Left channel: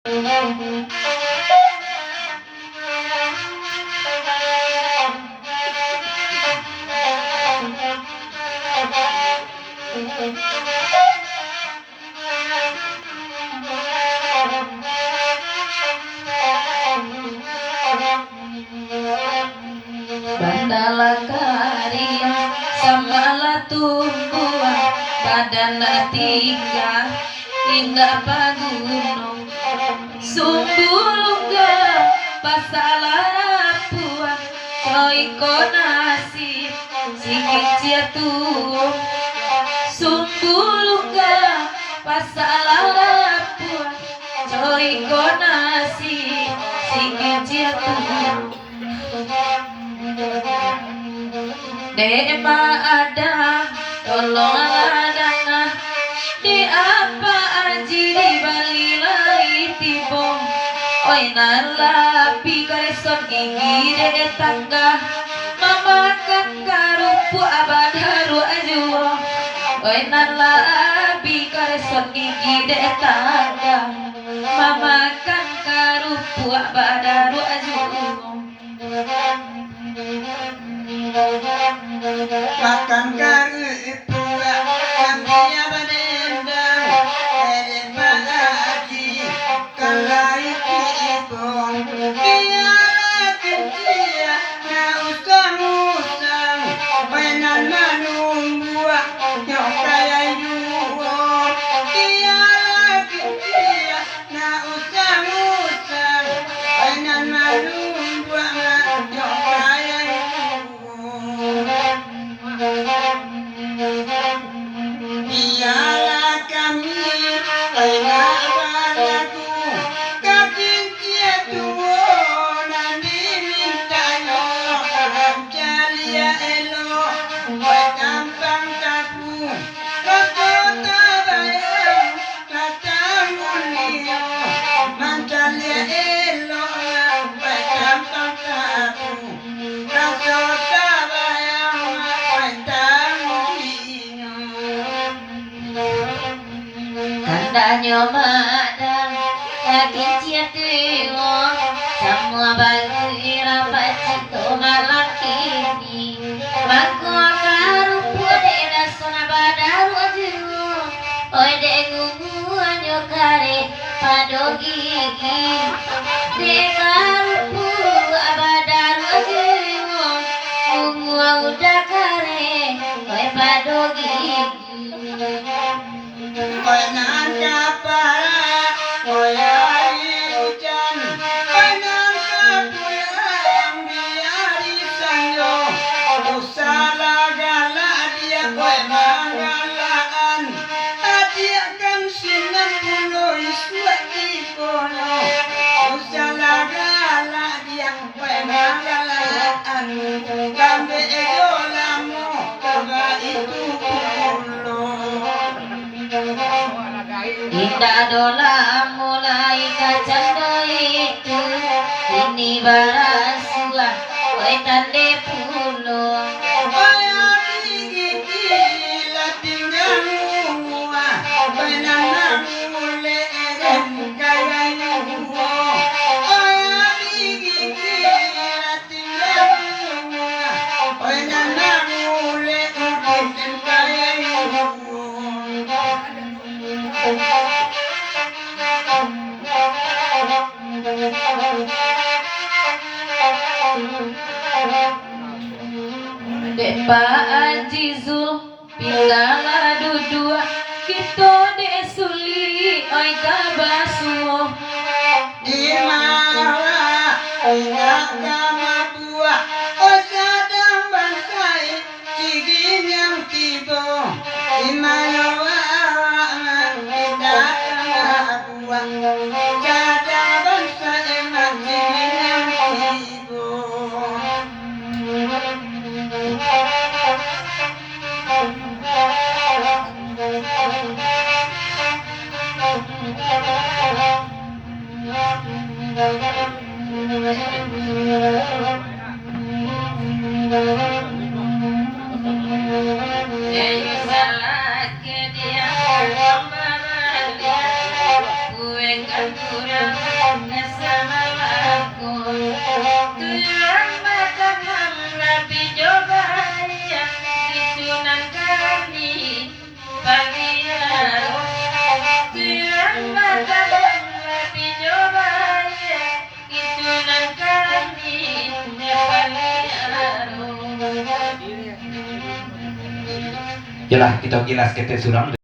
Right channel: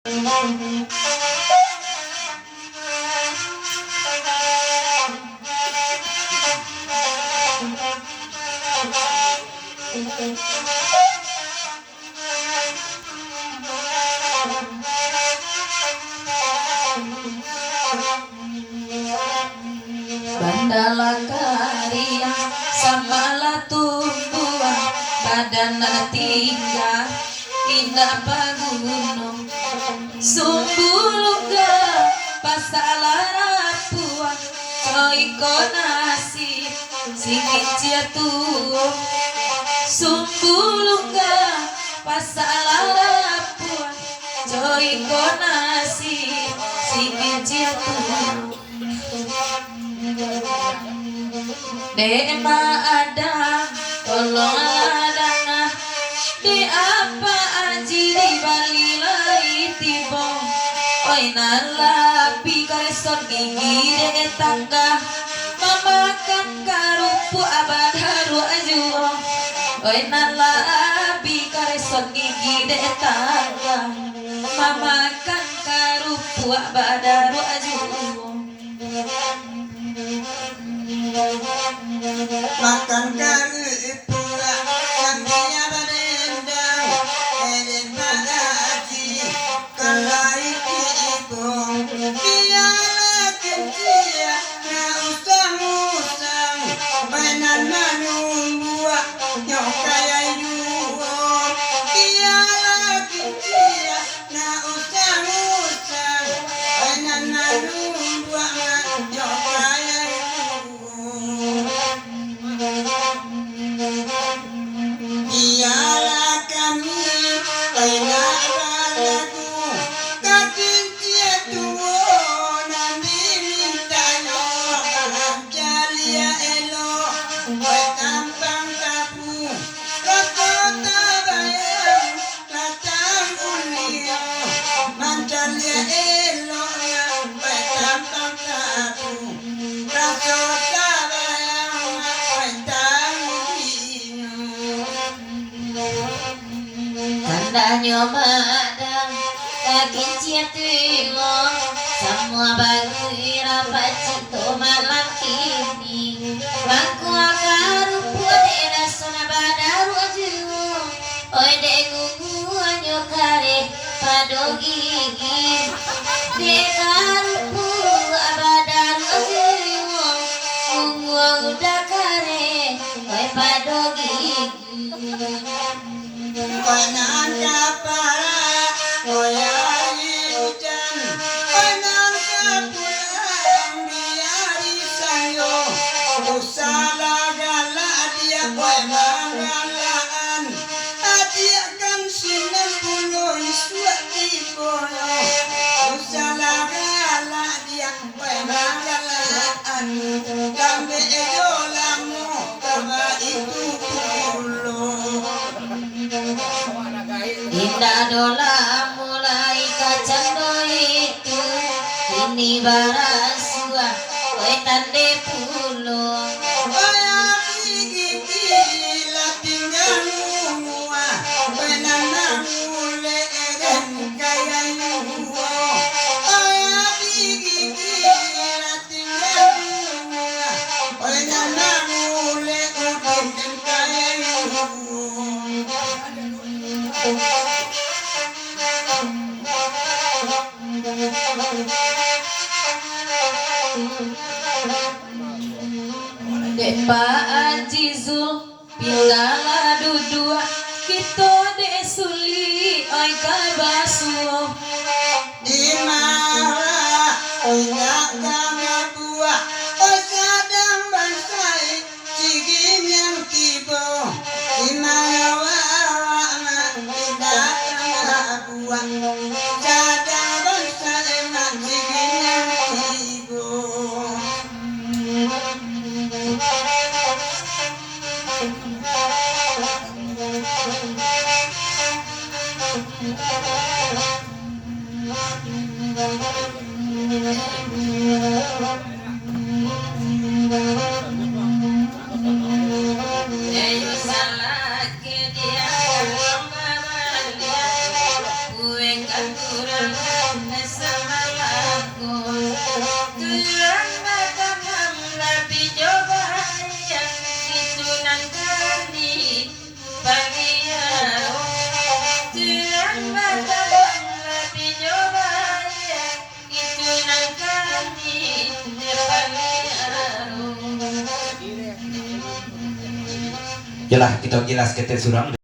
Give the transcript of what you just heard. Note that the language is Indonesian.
Bandala karya samala tumbuhan badan tinggal indah pagunung sumbuluga pasalara puan coiko nasib sikit jatuh sumbuluga pasalara puan coiko nasib sikit jatuh Dema ada tolong adana di apa aji di bali lai tibo oi nalapi kareson gigi de tangga mamakan karupu abadaru ajuo oi nalapi kareson gigi de tangga mamakan karupu abadaru ajuo makan kari pula kambingnya benendang eden pagi kelai kibong dia kencia na usang mainan manumbuak nyok kaya yuo dia kencia na usang mainan manumbuak nyok kaya ialah kami pena balaku kakincia tuwo nani minta yo jalia elo oi kampang tapu kota bayang tatamulio manjalia elo oi kampang tapu kota bayang oi tamulio tandanya madang kakin ciatimo semua bagi rapat cito malam kini mangko karupu de sona badaru ajuo oi de ngungu anyo kare pado gigi de karupu abadaru ajuo ngungu udah kare oi pado gigi oi nangka para oi hari hujan oi nangka pulang biari sanyo usala gala dia oi manggalaan dia kan sinan pulo iswat dipono usala gala dia oi manggalaan kambe ego lamu kaba itu pulo Indah dola mulai kacang itu ini barasua oi tande pulo Aya bigi la tinggal mua benana mule eden kaya yuo aya bigi la tinggal mua benana mule eden kaya yuo Depa Ajizul Pinggala dudua Kito de suli Oi kabasuo Imawa enggak kama buah osadang bansai cigim yang tibo imawa tidak kama buah sadang bansai emak cigim yang tibo Salah ke dia, kue kan kurang sama aku tulang mata nabi coba ya ditunan kami bagian tulang mata nabi coba ya ditunan kami bagian. Yalah kita gilas kita surang